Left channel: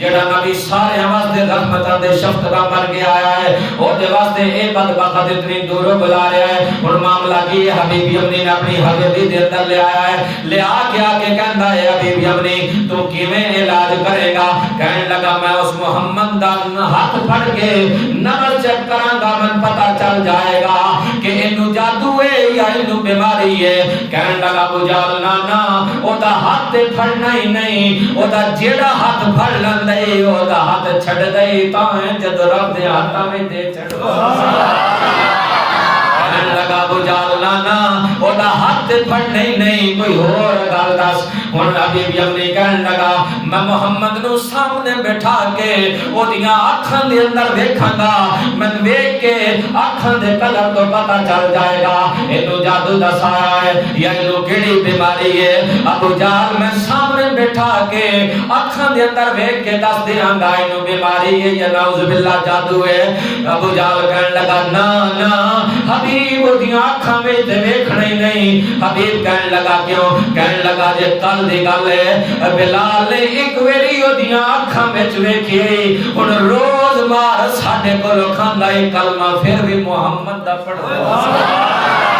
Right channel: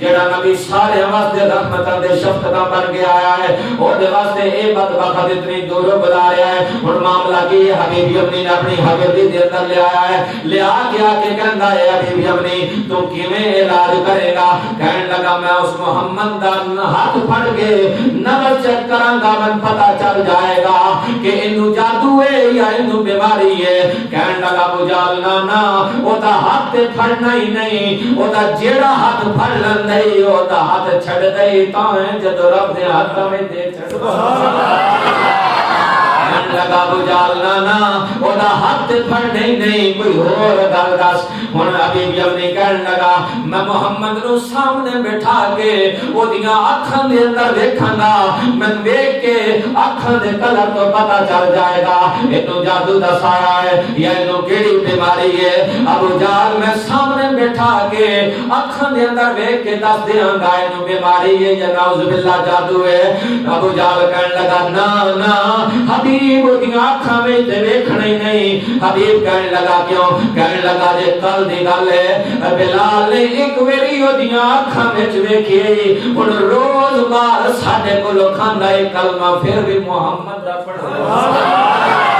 جڑا نبی سارے واسطے رحمتاں دے شفقتاں بن کے آیا ہے او دے واسطے اے بدبخت اتنی دوروں بلا رہا ہے ہن معاملہ کی ہے حبیب یمنی نے اپنی حویلی دے اندر لے آیا ہے لے آ کے کہندا ہے حبیب یمنی تو کیویں علاج کرے گا کہن لگا میں اس محمد دا ہاتھ پھڑ کے نبض چیک کراں گا میں پتہ چل جائے گا کہ اینو جادو ہے یا اینو بیماری ہے کہن لگا ابو جہل نا او دا ہاتھ پھڑنا ہی نہیں او دا جیڑا ہاتھ پھڑ لیندا او دا ہاتھ چھڑ دے تاں جد رب دے ہاتھاں میں دے چھڑ لگا ابو جہل نا او دا ہاتھ پھڑنے نہیں کوئی اور گل دس ہن حبیب یمنی کہن لگا میں محمد نو سامنے بٹھا کے او دیاں اکھاں دے اندر دیکھاں گا میں ویکھ کے اکھاں دے کلر تو پتہ چل جائے گا اینو جادو دسایا ہے یا اینو کیڑی بیماری ہے ابو جہل میں سامنے بٹھا کے اکھاں دے اندر ویکھ کے دس دیاں گا اینو بیماری ہے یا نعوذ باللہ جادو ہے ابو جہل کہن لگا نا حبیب دیاں اکھاں وچ تے ویکھنا ہی نہیں حبیب کہن لگا کیوں کہن لگا جے کل دی گل ہے بلال نے ایک ویری او دیاں اکھاں وچ ویکھی ہن روز مار ساڈے کولوں کھاندا اے کلمہ پھر بھی محمد دا پڑھدا